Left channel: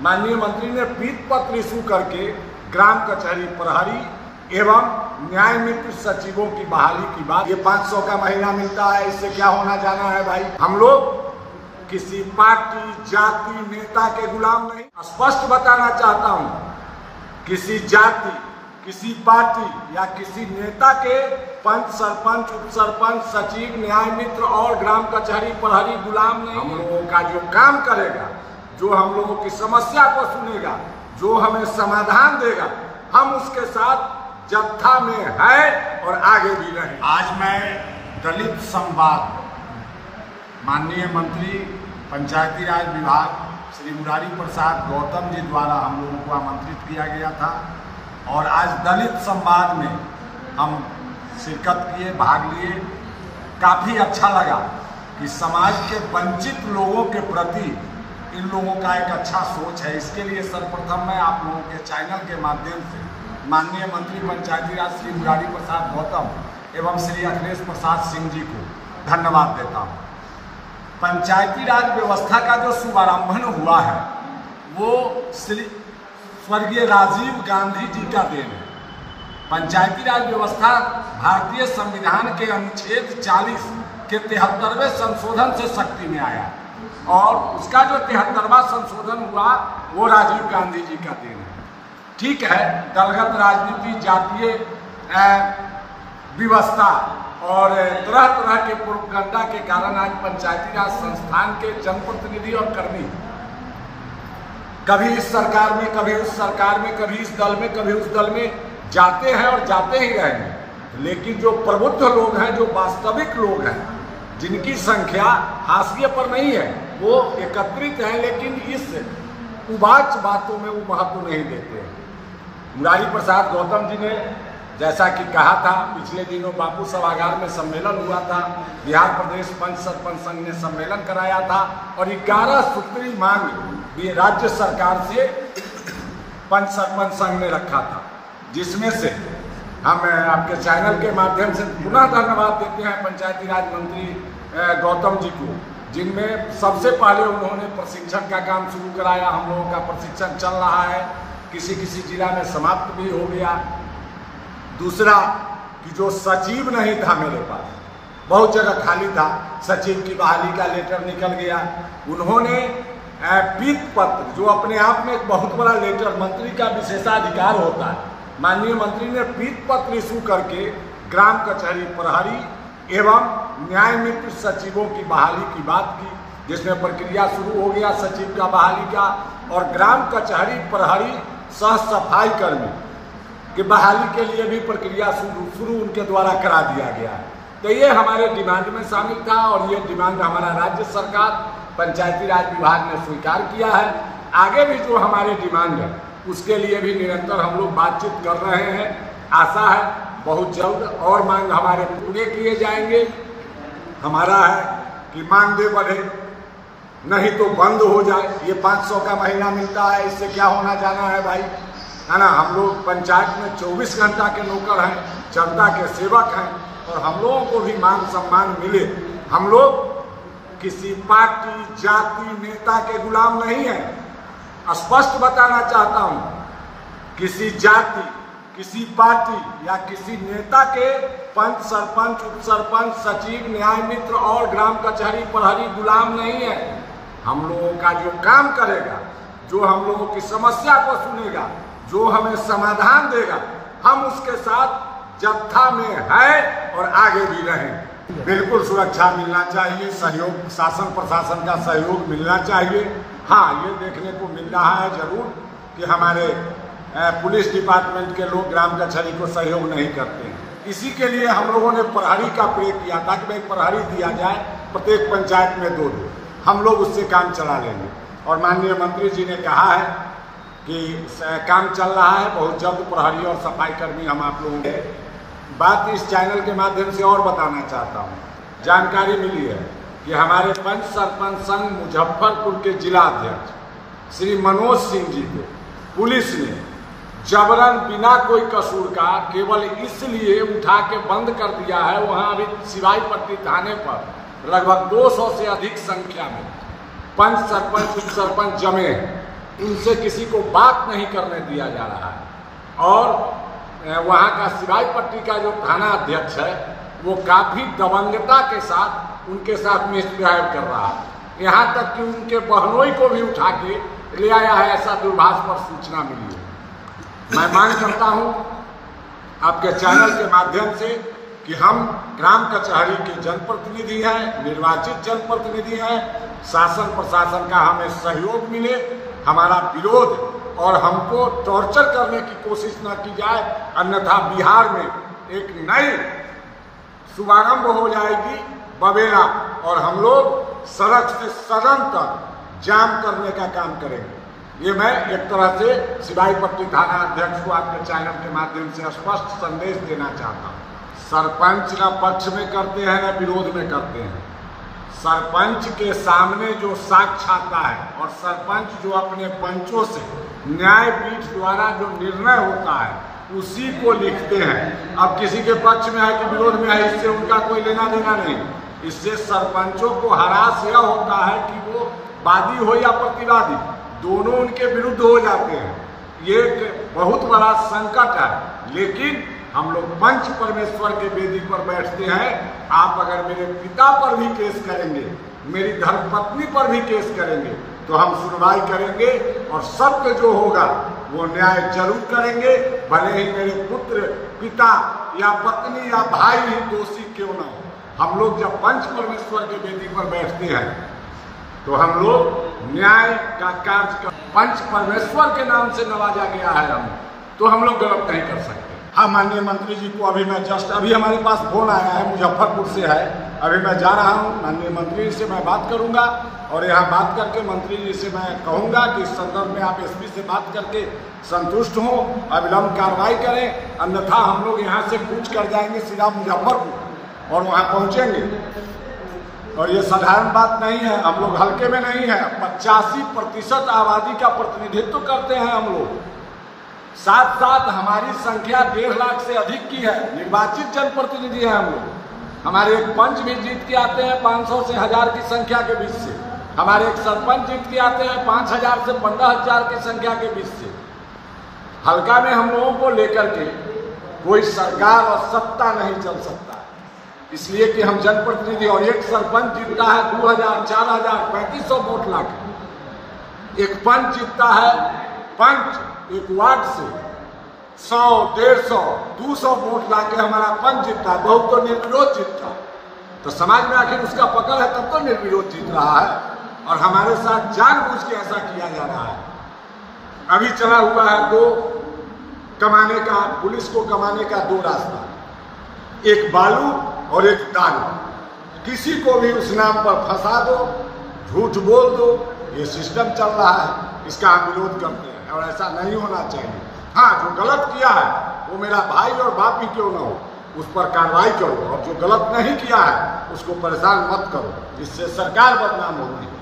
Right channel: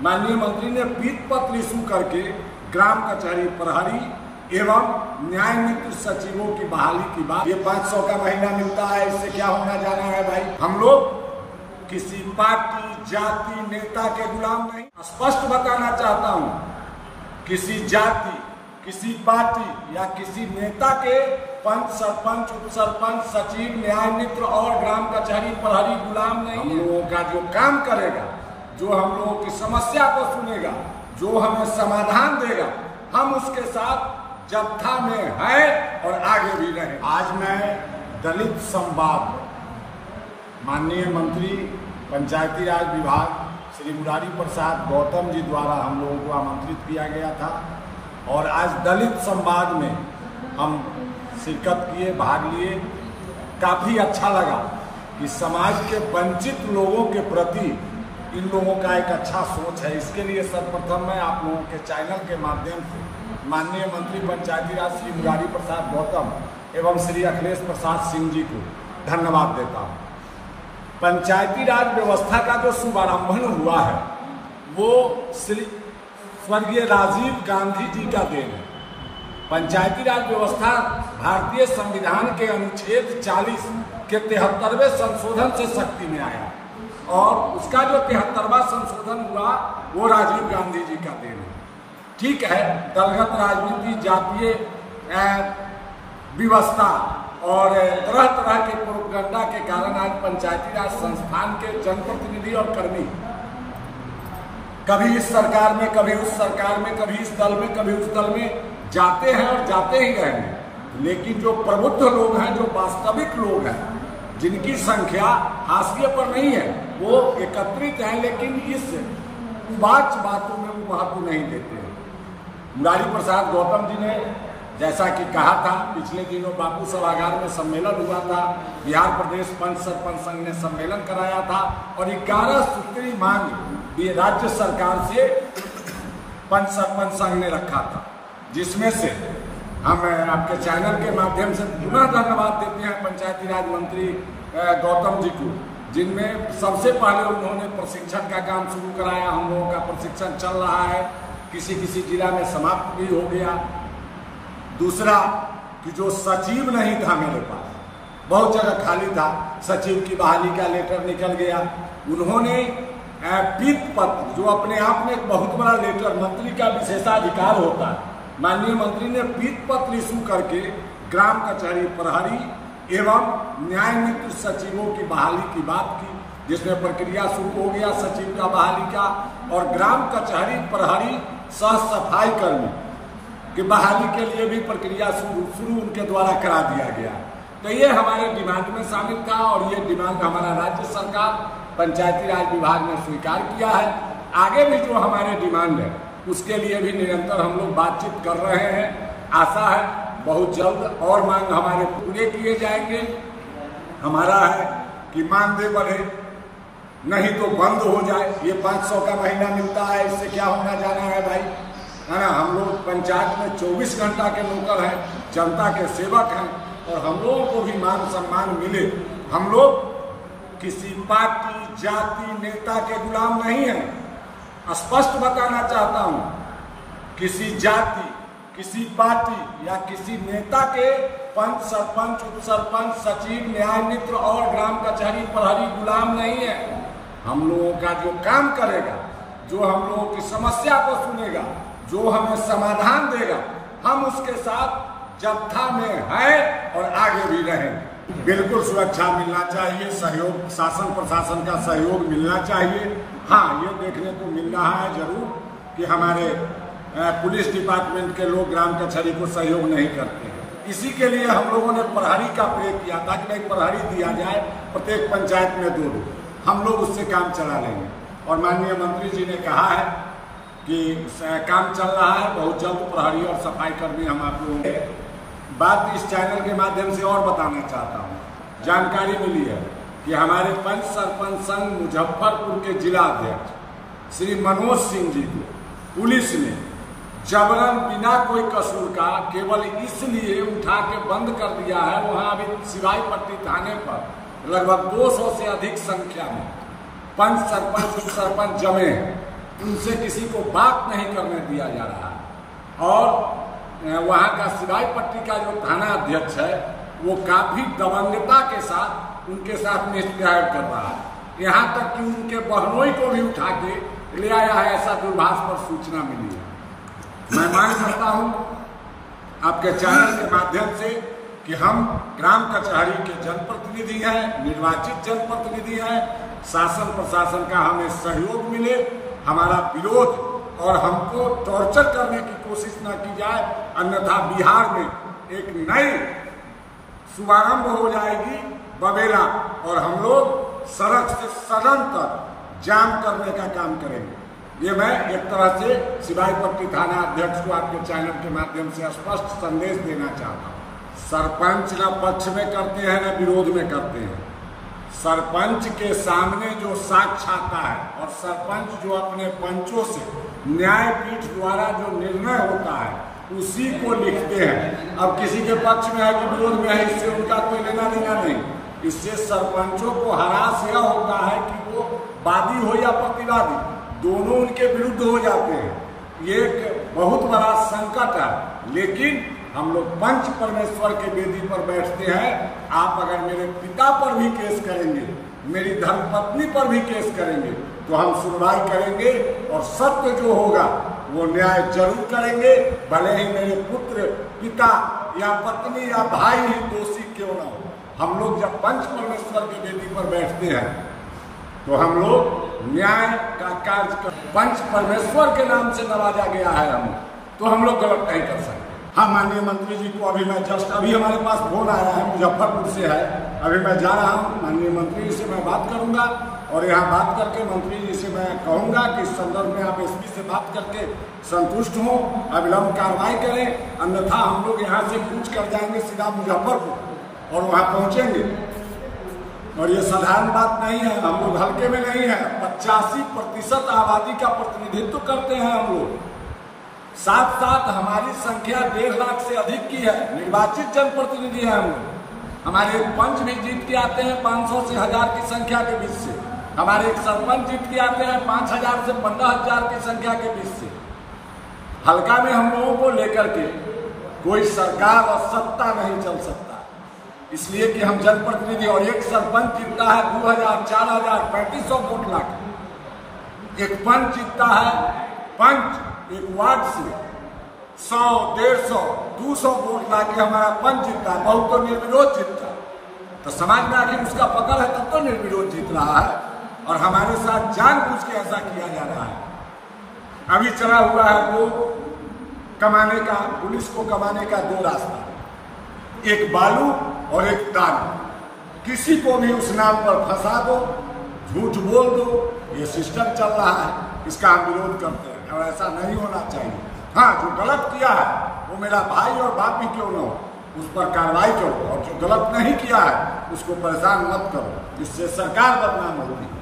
माननीय मंत्री ने पीत पत्र इशू करके ग्राम कचहरी प्रहरी एवं न्याय मित्र सचिवों की बहाली की बात। ये 500 का महीना मिलता है, इससे क्या होना जाना है भाई। हम लोग किसी पार्टी जाति नेता के गुलाम नहीं। स्पष्ट बताना चाहता हूँ, किसी जाति किसी पार्टी या किसी नेता के पंच सरपंच उप सरपंच सचिव न्याय मित्र और ग्राम कचहरी प्रहरी गुलाम नहीं। हम लोगों का जो काम करेगा, जो हम लोगों की समस्या को सुनेगा, जो हमें समाधान देगा, हम उसके साथ जत्था में है और आगे भी रहे। आज मैं दलित संवाद माननीय मंत्री पंचायती राज विभाग श्री मुरारी प्रसाद गौतम जी द्वारा हम लोगों को आमंत्रित किया गया था और आज दलित संवाद में हम शिरकत किए, भाग लिए। काफ़ी अच्छा लगा कि समाज के वंचित लोगों के प्रति इन लोगों का एक अच्छा सोच है। इसके लिए सर्वप्रथम मैं आप लोगों के चैनल के माध्यम से माननीय मंत्री पंचायती राज श्री मुरारी प्रसाद गौतम एवं श्री अखिलेश प्रसाद सिंह जी को धन्यवाद देता हूँ। पंचायती राज व्यवस्था का जो शुभारंभन हुआ है वो श्री स्वर्गीय राजीव गांधी जी का देन है। पंचायती राज व्यवस्था भारतीय संविधान के अनुच्छेद 40 के 73वें संशोधन से शक्ति में आया और उसका जो 73वां संशोधन हुआ वो राजीव गांधी जी का देन है। ठीक है, दलगत राजनीति, जातीय व्यवस्था और तरह तरह के प्रोपगंडा के कारण आज पंचायती राज संस्थान के जनप्रतिनिधि और कर्मी कभी इस सरकार में, कभी उस सरकार में, कभी इस दल में, कभी उस दल में जाते हैं और जाते ही रहेंगे। लेकिन जो प्रबुद्ध लोग हैं, जो वास्तविक लोग हैं, जिनकी संख्या हाशिए पर नहीं है, वो एकत्रित हैं, लेकिन इस उबाच बातों में वो महत्व नहीं देते हैं। मुरारी प्रसाद गौतम जी ने जैसा कि कहा था, पिछले दिनों बापू सभागार में सम्मेलन हुआ था, बिहार प्रदेश पंच सरपंच संघ ने सम्मेलन कराया था और 11 सूत्री मांग राज्य सरकार से पंच सरपंच संघ ने रखा था, जिसमें से हम आपके चैनल के माध्यम से पुनः धन्यवाद देते हैं पंचायती राज मंत्री गौतम जी को, जिनमें सबसे पहले उन्होंने प्रशिक्षण का काम शुरू कराया। हम लोगों का प्रशिक्षण चल रहा है, किसी किसी जिला में समाप्त भी हो गया। दूसरा कि जो सचिव नहीं था मेरे पास, बहुत जगह खाली था, सचिव की बहाली का लेटर निकल गया। उन्होंने पीत पत्र, जो अपने आप में एक बहुत बड़ा लेटर, मंत्री का विशेषाधिकार होता है, माननीय मंत्री ने पीत पत्र इशू करके ग्राम कचहरी प्रहरी एवं न्याय मित्र सचिवों की बहाली की बात की, जिसमें प्रक्रिया शुरू हो गया सचिव का बहाली का और ग्राम कचहरी प्रहरी सह सफाई कर्मी कि बहाली के लिए भी प्रक्रिया शुरू उनके द्वारा करा दिया गया। तो ये हमारे डिमांड में शामिल था और ये डिमांड हमारा राज्य सरकार पंचायती राज विभाग ने स्वीकार किया है। आगे भी जो हमारे डिमांड है उसके लिए भी निरंतर हम लोग बातचीत कर रहे हैं। आशा है बहुत जल्द और मांग हमारे पूरे किए जाएंगे। हमारा है कि मांगे बढ़े, नहीं तो बंद हो जाए। ये 500 का महीना मिलता है, इससे क्या होना जाना है भाई, है ना। हम लोग पंचायत में 24 घंटा के नौकर हैं, जनता के सेवक हैं और हम लोगों को भी मान सम्मान मिले। हम लोग किसी पार्टी जाति नेता के गुलाम नहीं हैं। स्पष्ट बताना चाहता हूं, किसी जाति किसी पार्टी या किसी नेता के पंच सरपंच उप सरपंच सचिव न्याय मित्र और ग्राम कचहरी प्रहरी गुलाम नहीं है। हम लोगों का जो काम करेगा, जो हम लोगों की समस्या को सुनेगा, जो हमें समाधान देगा, हम उसके साथ जत्था में है और आगे भी रहें। बिल्कुल सुरक्षा मिलना चाहिए, सहयोग शासन प्रशासन का सहयोग मिलना चाहिए। हाँ, ये देखने को मिल रहा है जरूर कि हमारे पुलिस डिपार्टमेंट के लोग ग्राम कचहरी को सहयोग नहीं करते हैं। इसी के लिए हम लोगों ने प्रहरी का प्रयोग किया था कि भाई प्रहरी दिया जाए प्रत्येक पंचायत में 2-2। हम लोग उससे काम चला लेंगे और माननीय मंत्री जी ने कहा है कि काम चल रहा है, बहुत जल्द प्रहरी और सफाई कर्मी हम आप लोगों के बात इस चैनल के माध्यम से और बताना चाहता हूँ। जानकारी मिली है कि हमारे पंच सरपंच संघ मुजफ्फरपुर के जिला अध्यक्ष श्री मनोज सिंह जी को पुलिस ने जबरन बिना कोई कसूर का केवल इसलिए उठा के बंद कर दिया है। वहाँ अभी सिवाई पट्टी थाने पर लगभग 200 से अधिक संख्या में पंच सरपंच उप सरपंच जमे हैं उनसे किसी को बात नहीं करने दिया जा रहा है। और वहाँ का सिवाई पट्टी का जो थाना अध्यक्ष है वो काफी दबंगता के साथ उनके साथ मिसबिहेव कर रहा है, यहाँ तक कि उनके बहनोई को भी उठा के ले आया है, ऐसा दूरभाष पर सूचना मिली है। मैं मांग करता हूँ आपके चैनल के माध्यम से कि हम ग्राम कचहरी के जनप्रतिनिधि हैं, निर्वाचित जनप्रतिनिधि हैं, शासन प्रशासन का हमें सहयोग मिले, हमारा विरोध और हमको टॉर्चर करने की कोशिश न की जाए, अन्यथा बिहार में एक नई शुभारंभ हो जाएगी बबेला और हम लोग सड़क से सदन तक जाम करने का काम करेंगे। ये मैं एक तरह से सिवाई पट्टी थाना अध्यक्ष को आपके चैनल के माध्यम से स्पष्ट संदेश देना चाहता हूँ। सरपंच न पक्ष में करते हैं न विरोध में करते हैं। सरपंच के सामने जो साक्ष्य आता है और सरपंच जो अपने पंचों से न्यायपीठ द्वारा जो निर्णय होता है उसी को लिखते हैं। अब किसी के पक्ष में है कि विरोध में है, इससे उनका कोई लेना देना नहीं। इससे सरपंचों को हरास यह होता है कि वो वादी हो या प्रतिवादी, दोनों उनके विरुद्ध हो जाते हैं। ये एक बहुत बड़ा संकट है। लेकिन हम लोग पंच परमेश्वर के वेदी पर बैठते हैं। आप अगर मेरे पिता पर भी केस करेंगे, मेरी धर्मपत्नी पर भी केस करेंगे, तो हम सुनवाई करेंगे और सत्य जो होगा वो न्याय जरूर करेंगे, भले ही मेरे पुत्र, पिता या पत्नी या भाई ही दोषी क्यों न हो। हम लोग जब पंच परमेश्वर के वेदी पर बैठते हैं तो हम लोग न्याय का कार्य कर, पंच परमेश्वर के नाम से नवाजा गया है हम, तो हम लोग गलत नहीं कर सकते। हाँ, माननीय मंत्री जी को अभी मैं अभी हमारे पास फोन आया है, मुजफ्फरपुर से है, अभी मैं जा रहा हूँ। माननीय मंत्री जी से मैं बात करूंगा और यहाँ बात करके मंत्री जी से मैं कहूंगा कि इस संदर्भ में आप एसपी से बात करके संतुष्ट हों, अविलंब कार्रवाई करें, अन्यथा हम लोग यहाँ से कूच कर जाएंगे सीधा मुजफ्फरपुर और वहाँ पहुँचेंगे। और ये साधारण बात नहीं है, हम लोग हल्के में नहीं है। 85% आबादी का प्रतिनिधित्व करते हैं हम लोग, साथ साथ हमारी संख्या 1.5 लाख से अधिक की है, निर्वाचित जनप्रतिनिधि हैं हम लोग। हमारे एक पंच भी जीत के आते हैं 500 से 1000 की संख्या के बीच से, हमारे एक सरपंच जीत के आते हैं 5000 से 15000 की संख्या के बीच से। हल्का में हम लोगों को लेकर के कोई सरकार और सत्ता नहीं चल सकता, इसलिए कि हम जनप्रतिनिधि और एक सरपंच जीतता है 2000, 4000, 3500 वोट लाके। एक पंच जीतता है, पंच एक वार्ड से 100, 150, 200 वोट लाके हमारा पंच जीतता है, बहुत तो निर्विरोध जीतता है। तो समाज में आखिर उसका पकड़ है तब तो निर्विरोध जीत रहा है, और हमारे साथ जानबूझ के ऐसा किया जा रहा है। अभी चला हुआ है दो कमाने का, पुलिस को कमाने का दो रास्ता, एक बालू और एक दारू। किसी को भी उस नाम पर फंसा दो, झूठ बोल दो, ये सिस्टम चल रहा है, इसका हम विरोध करते हैं और ऐसा नहीं होना चाहिए। हाँ, जो गलत किया है वो मेरा भाई और बाप ही क्यों न हो, उस पर कार्रवाई करो, और जो गलत नहीं किया है उसको परेशान मत करो, इससे सरकार बदनाम होती है।